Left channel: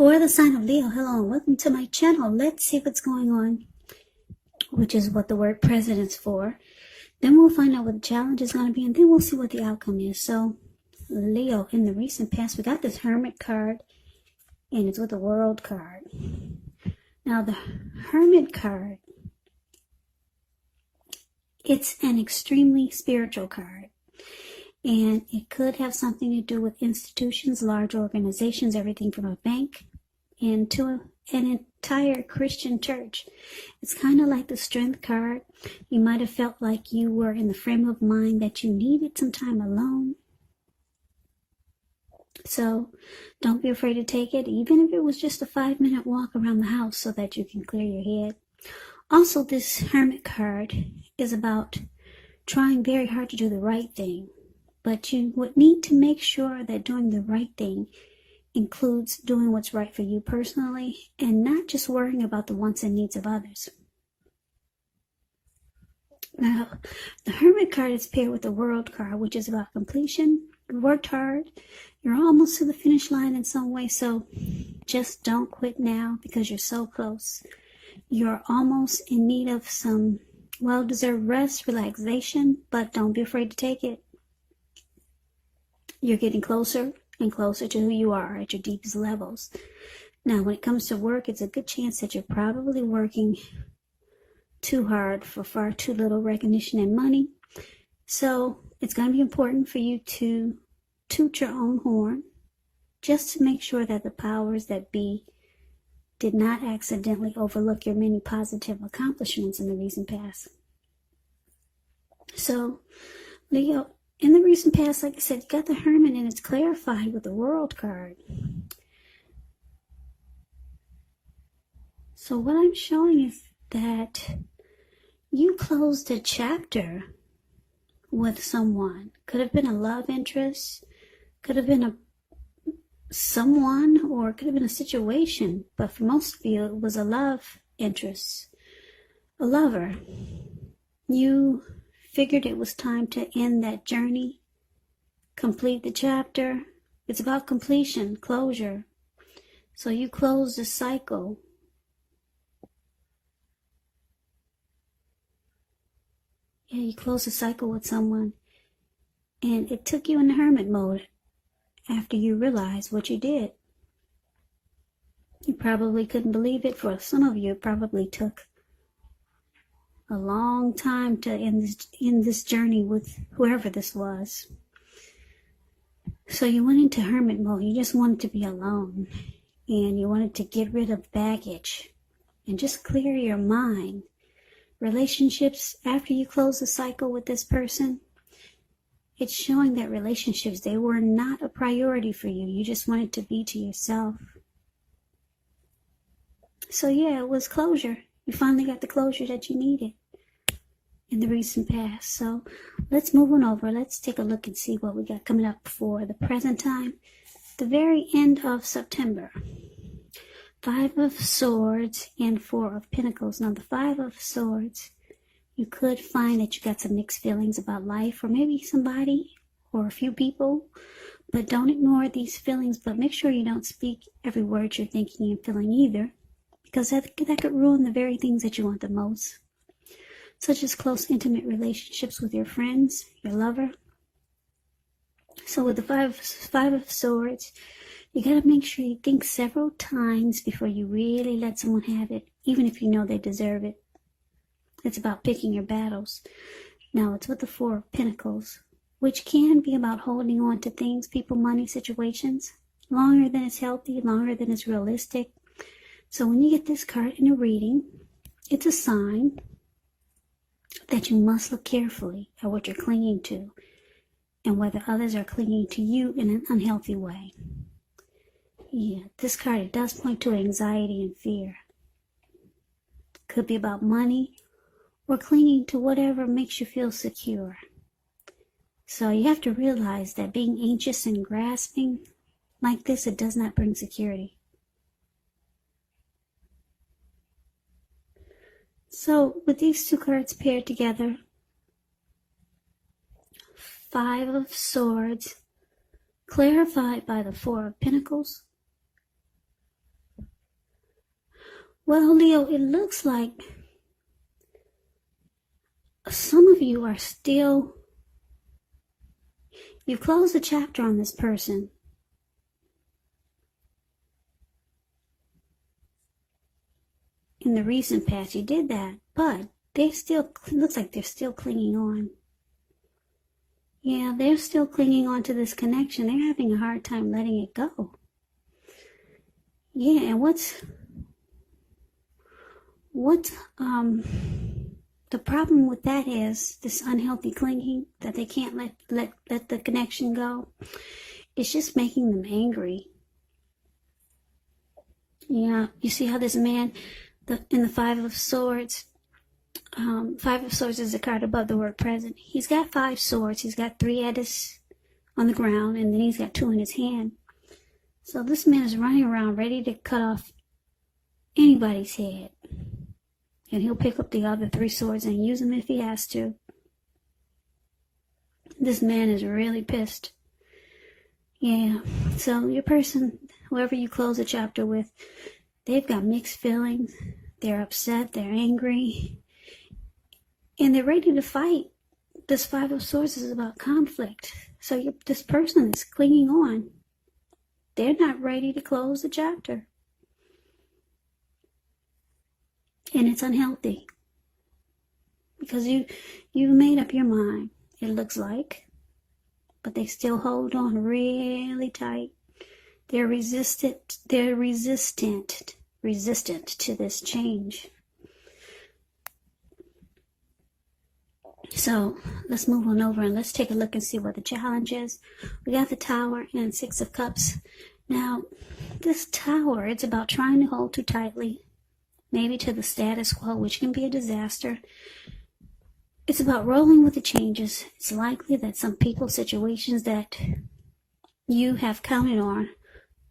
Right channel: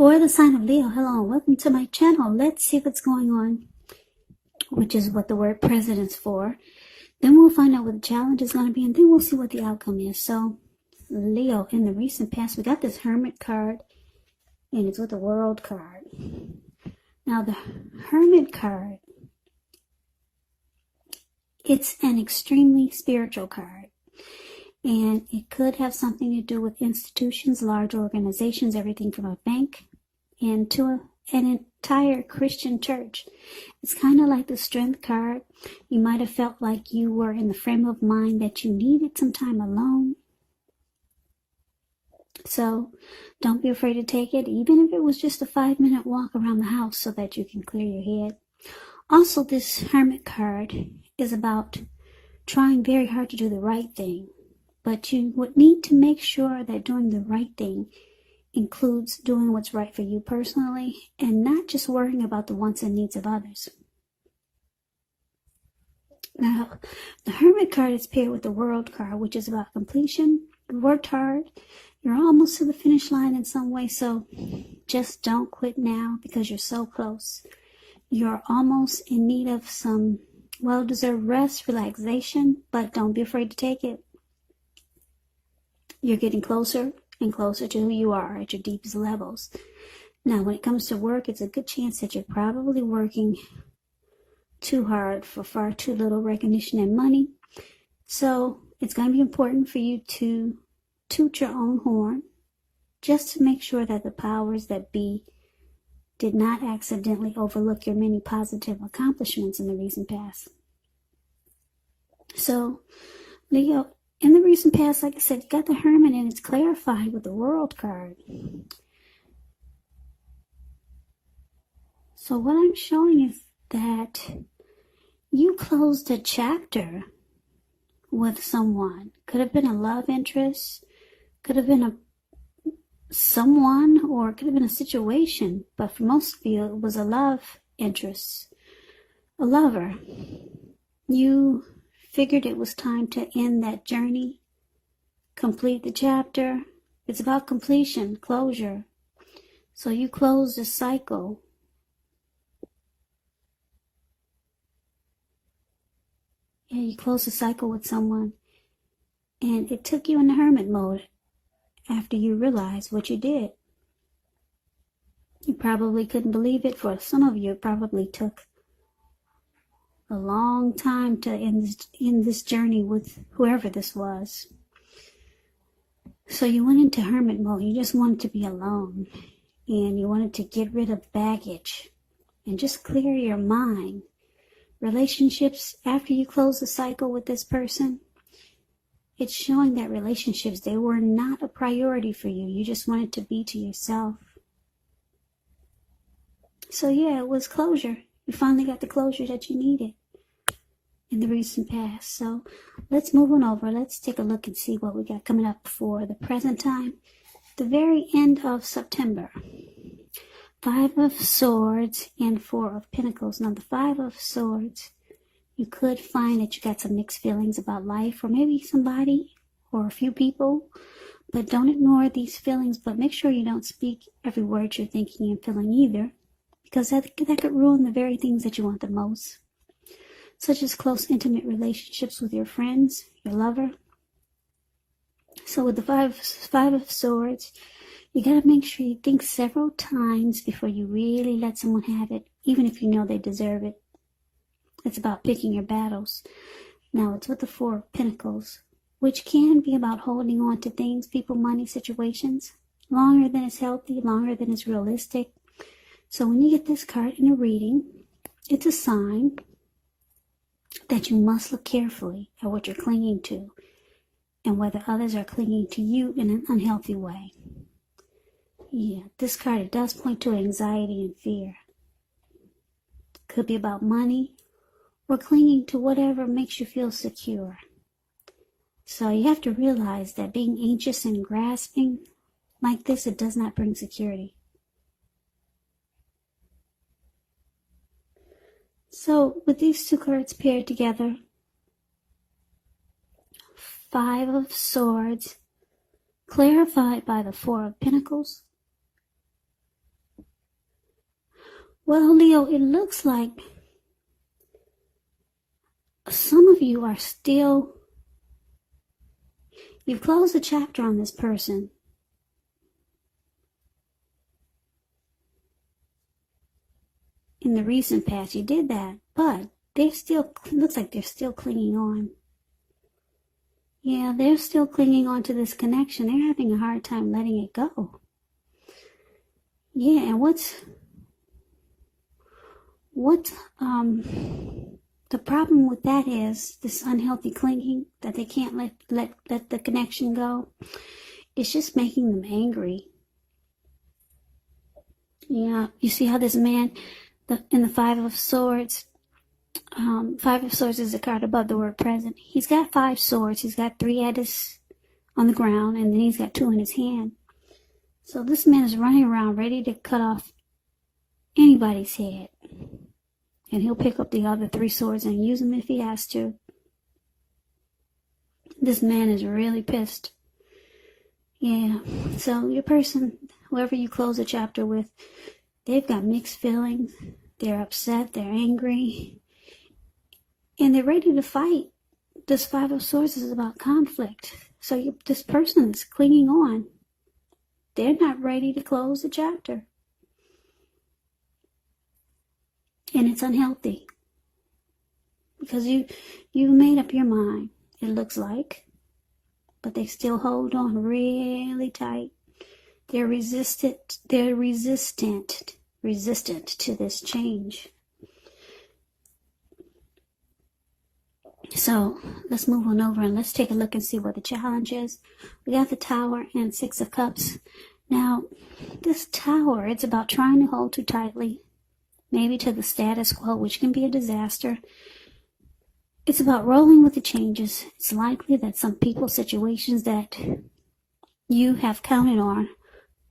For the sign of Leo, hello, welcome to my channel. Let's see what's going on, which is what the word president's for. Then we'll find out what the challenge is going to be, and then we'll see what the outcome is. So, Leo, in the recent past, we got this Hermit card, and it's with the World card. Now, the Hermit card, it's an extremely spiritual card, and it could have something to do with institutions, large organizations, everything from a bank into an entire Christian church. It's kind of like the Strength card. You might have felt like you were in the frame of mind that you needed some time alone. So don't be afraid to take it, even if it was just a 5-minute walk around the house so that you can clear your head. Also, this Hermit card is about trying very hard to do the right thing. But you would need to make sure that doing the right thing includes doing what's right for you personally and not just worrying about the wants and needs of others. Now, the Hermit card is paired with the World card, which is about completion. You worked hard. You're almost to the finish line in some way, so just don't quit now because you're so close. You're almost in need of some well-deserved rest, relaxation, but don't be afraid to take it. You're getting closer and closer to who you are at your deepest levels. Now, when it comes to work, it's a good chance that you're probably working too hard for far too little recognition and money. So it's going to be important for you to toot your own horn just to make sure that the powers that be did not accidentally overlook your many positive accomplishments in the recent past. So, Leo, in the recent past, like I said, you got the Hermit, and it's clarified with the World card. So what I'm showing is that you closed a chapter with someone. Could have been a love interest, could have been someone, or it could have been a situation. But for most of you, it was a love interest, a lover. You figured it was time to end that journey, complete the chapter. It's about completion, closure. So you closed the cycle. Yeah, you closed the cycle with someone, and it took you in the hermit mode after you realized what you did. You probably couldn't believe it. For some of you, it probably took a long time to end this journey with whoever this was. So you went into hermit mode. You just wanted to be alone, and you wanted to get rid of baggage and just clear your mind. Relationships, after you close the cycle with this person, it's showing that relationships, they were not a priority for you. You just wanted to be to yourself. So yeah, it was closure. You finally got the closure that you needed in the recent past. So let's move on over. Let's take a look and see what we got coming up for the present time. The very end of September. 5 of Swords and 4 of Pentacles. Now the 5 of Swords, you could find that you got some mixed feelings about life, or maybe somebody or a few people. But don't ignore these feelings, but make sure you don't speak every word you're thinking and feeling either, because that could ruin the very things that you want the most, such as close, intimate relationships with your friends, your lover. So with the 5 of Swords, you got to make sure you think several times before you really let someone have it, even if you know they deserve it. It's about picking your battles. Now, it's with the 4 of Pentacles, which can be about holding on to things, people, money, situations, longer than it's healthy, longer than it's realistic. So when you get this card in a reading, it's a sign that you must look carefully at what you're clinging to and whether others are clinging to you in an unhealthy way. Yeah, this card, it does point to anxiety and fear. Could be about money or clinging to whatever makes you feel secure. So you have to realize that being anxious and grasping like this, it does not bring security. So with these two cards paired together, 5 of Swords, clarified by the 4 of Pentacles, Well, Leo, it looks like some of you are still, you closed the chapter on this person. In the recent past, you did that, but they still, it looks like they're still clinging on. Yeah, they're still clinging on to this connection. They're having a hard time letting it go. Yeah, and the problem with that is this unhealthy clinging that they can't let the connection go. It's just making them angry. Yeah, you see how this man, in the Five of Swords, Five of Swords is a card above the word present. He's got 5 swords. He's got 3 on the ground, and then he's got 2 in his hand. So this man is running around ready to cut off anybody's head. And he'll pick up the other 3 swords and use them if he has to. This man is really pissed. Yeah, so your person, whoever you close the chapter with, they've got mixed feelings. They're upset, they're angry, and they're ready to fight. This 5 of Swords is about conflict. So this person is clinging on. They're not ready to close the chapter. And it's unhealthy. Because you made up your mind, it looks like. But they still hold on really tight. They're resistant to this change. So let's move on over and let's take a look and see what the challenge is. We got the Tower and 6 of Cups. Now, this Tower, it's about trying to hold too tightly, maybe to the status quo, which can be a disaster. It's about rolling with the changes. It's likely that some people, situations that you have counted on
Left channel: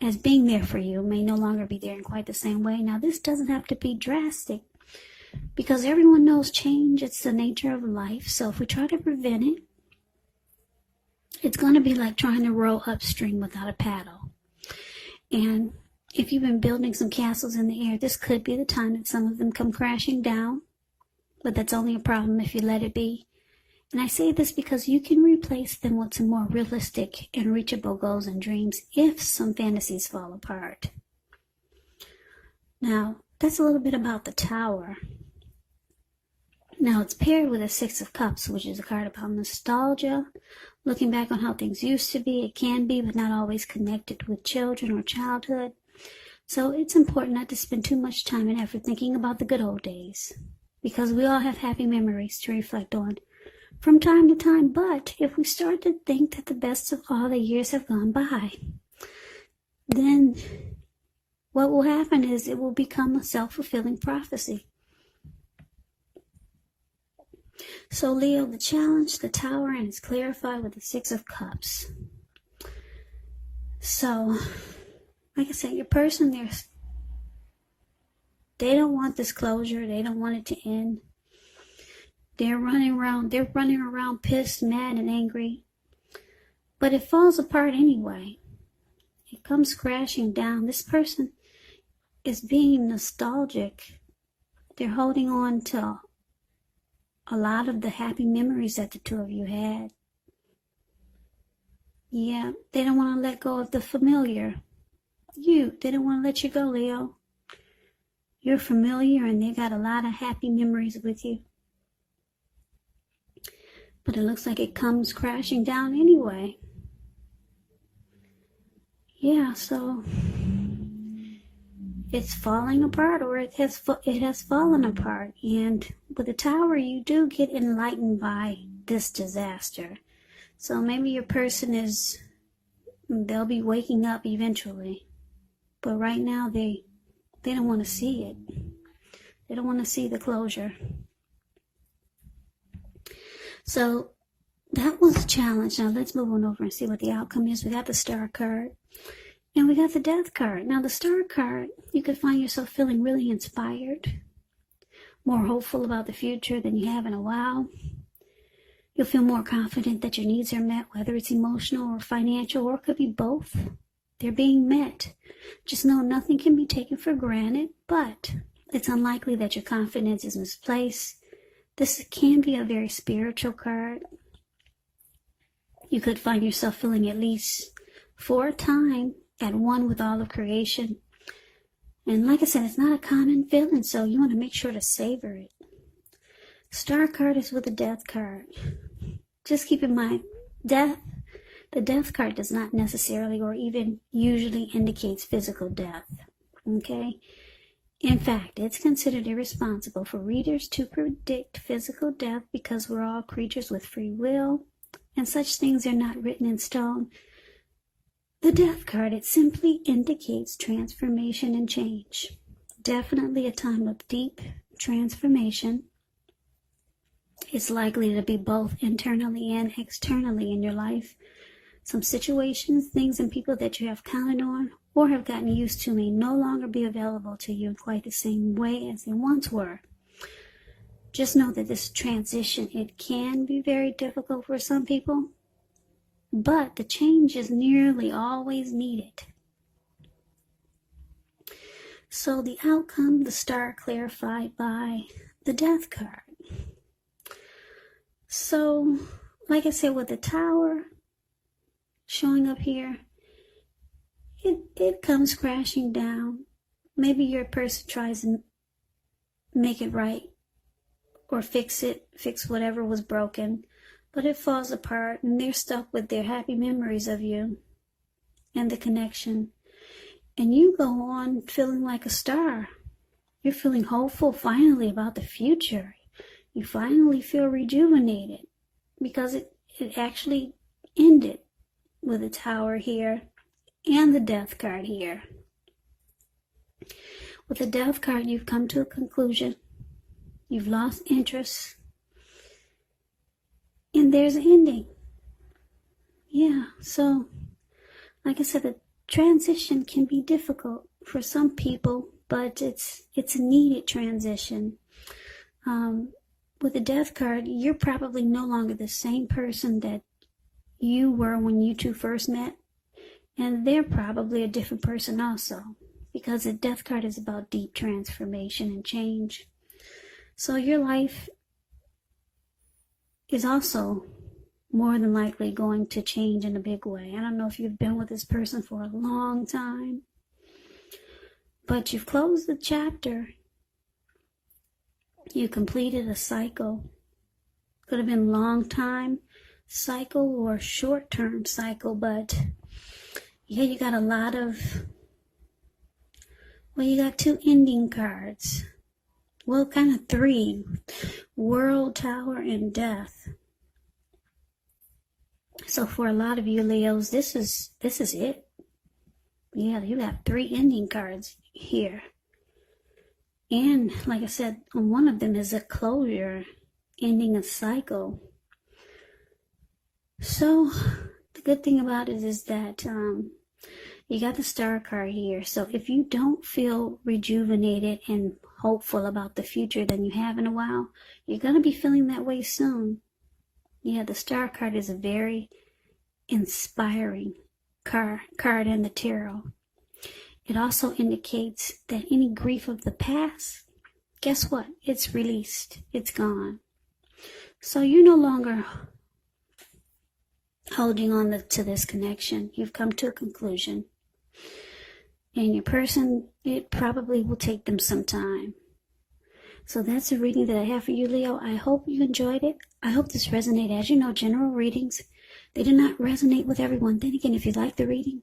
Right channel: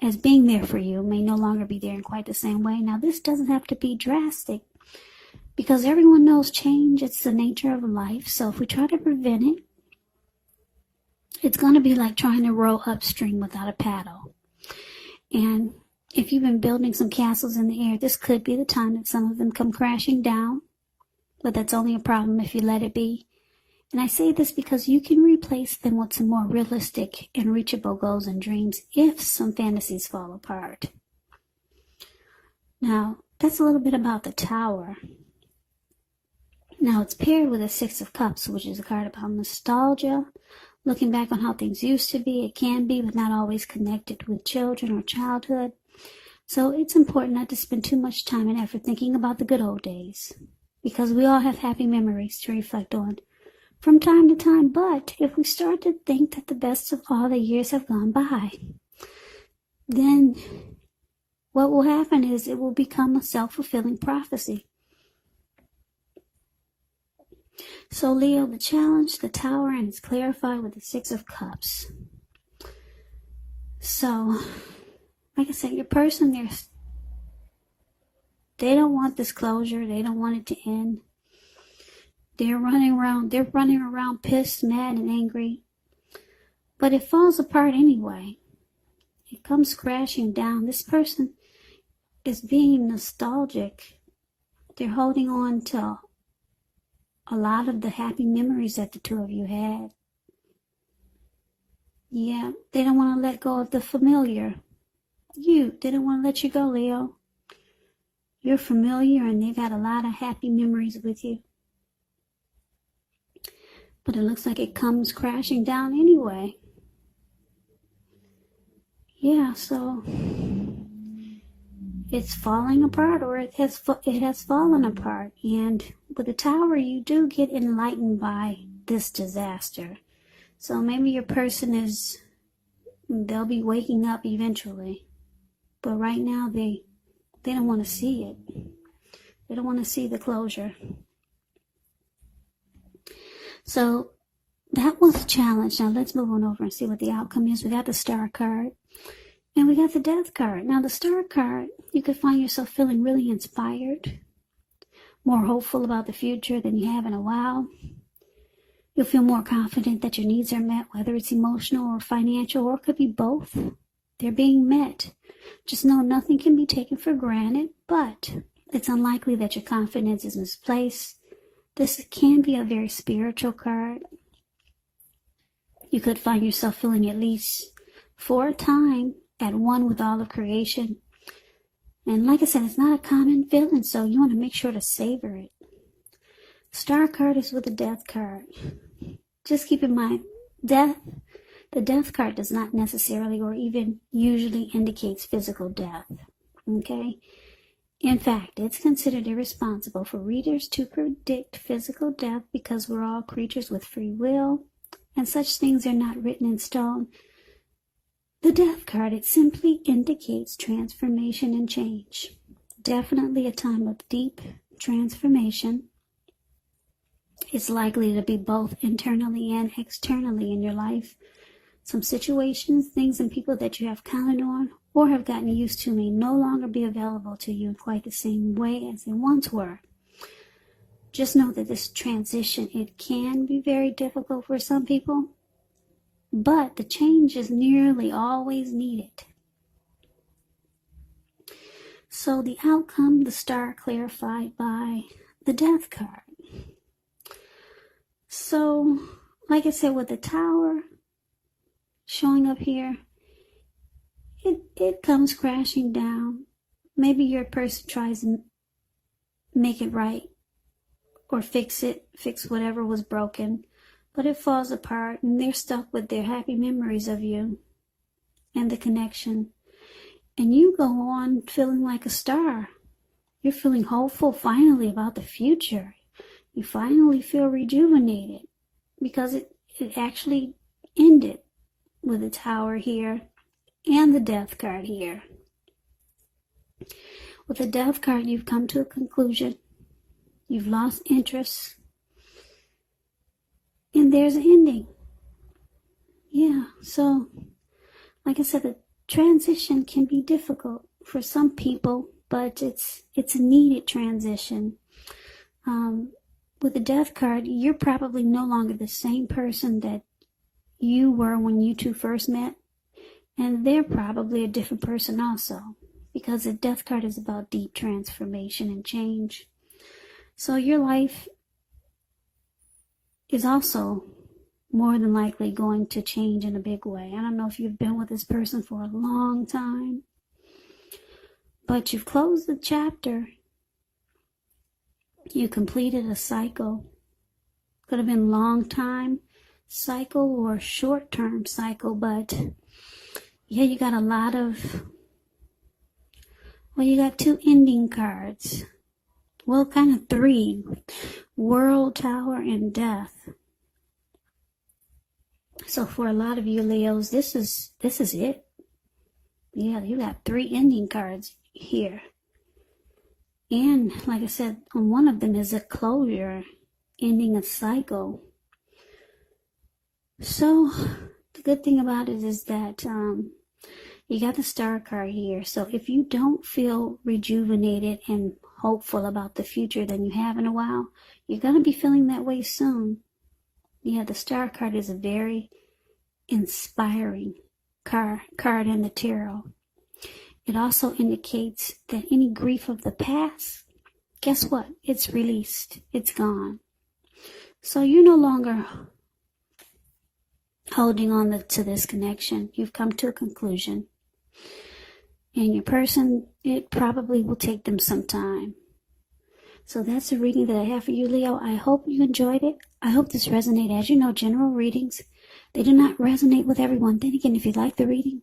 as being there for you may no longer be there in quite the same way. Now, this doesn't have to be drastic because everyone knows change. It's the nature of life. So if we try to prevent it, it's going to be like trying to row upstream without a paddle. And if you've been building some castles in the air, this could be the time that some of them come crashing down. But that's only a problem if you let it be. And I say this because you can replace them with some more realistic and reachable goals and dreams if some fantasies fall apart. Now, that's a little bit about the Tower. Now, it's paired with a 6 of Cups, which is a card about nostalgia, looking back on how things used to be. It can be, but not always connected with children or childhood. So it's important not to spend too much time and effort thinking about the good old days, because we all have happy memories to reflect on from time to time. But if we start to think that the best of all the years have gone by, then what will happen is it will become a self-fulfilling prophecy. So Leo, the challenge, the Tower, and it's clarified with the 6 of Cups. So, like I said, your person, they don't want this closure. They don't want it to end. They're running around pissed, mad, and angry. But it falls apart anyway. It comes crashing down. This person is being nostalgic. They're holding on to a lot of the happy memories that the 2 of you had. Yeah, they don't want to let go of the familiar. They don't want to let you go, Leo. You're familiar and they got a lot of happy memories with you. But it looks like it comes crashing down anyway. Yeah, so it's falling apart, or it has fallen apart. And with the Tower, you do get enlightened by this disaster. So maybe your person they'll be waking up eventually. But right now, they don't want to see it. They don't want to see the closure. So that was a challenge. Now let's move on over and see what the outcome is. We got the Star card and we got the Death card. Now the Star card, you could find yourself feeling really inspired, more hopeful about the future than you have in a while. You'll feel more confident that your needs are met, whether it's emotional or financial, or it could be both. They're being met. Just know nothing can be taken for granted, but It's unlikely that your confidence is misplaced. This can be a very spiritual card. You could find yourself feeling, at least for a time, at one with all of creation. And like I said, it's not a common feeling, so you want to make sure to savor it. Star card is with a death card. Just keep in mind, the death card does not necessarily or even usually indicates physical death. Okay? In fact, it's considered irresponsible for readers to predict physical death because we're all creatures with free will, and such things are not written in stone. The death card, it simply indicates transformation and change. Definitely a time of deep transformation. It's likely to be both internally and externally in your life. Some situations, things, and people that you have counted on or have gotten used to may no longer be available to you in quite the same way as they once were. Just know that this transition, it can be very difficult for some people, but the change is nearly always needed. So the outcome, the star clarified by the death card. So, like I said, with the Tower showing up here, it comes crashing down. Maybe your person tries to make it right or fix whatever was broken, but it falls apart and they're stuck with their happy memories of you and the connection. And you go on feeling like a star. You're feeling hopeful finally about the future. You finally feel rejuvenated because it actually ended with the Tower here and the Death card here. With the Death card, you've come to a conclusion. You've lost interest. And there's an ending. Yeah, so like I said, the transition can be difficult for some people, but it's a needed transition. With the Death card, you're probably no longer the same person that you were when you two first met, and they're probably a different person also, because the Death card is about deep transformation and change. So your life is also more than likely going to change in a big way. I don't know if you've been with this person for a long time, but you've closed the chapter. You completed a cycle. Could have been long time cycle or short-term cycle, but yeah, you got a lot of, well, you got two ending cards. Well, kind of three. World, Tower, and Death. So for a lot of you Leos, this is it. Yeah, you got three ending cards here. And like I said, one of them is a closure, ending a cycle. So the good thing about it is that you got the Star card here. So if you don't feel rejuvenated and hopeful about the future than you have in a while, you're going to be feeling that way soon. Yeah, the Star card is a very inspiring card in the tarot. It also indicates that any grief of the past, guess what? It's released. It's gone. So you're no longer holding on to this connection. You've come to a conclusion. And your person, it probably will take them some time. So that's a reading that I have for you, Leo. I hope you enjoyed it. I hope this resonated. As you know, general readings, they do not resonate with everyone. Then again, if you like the reading,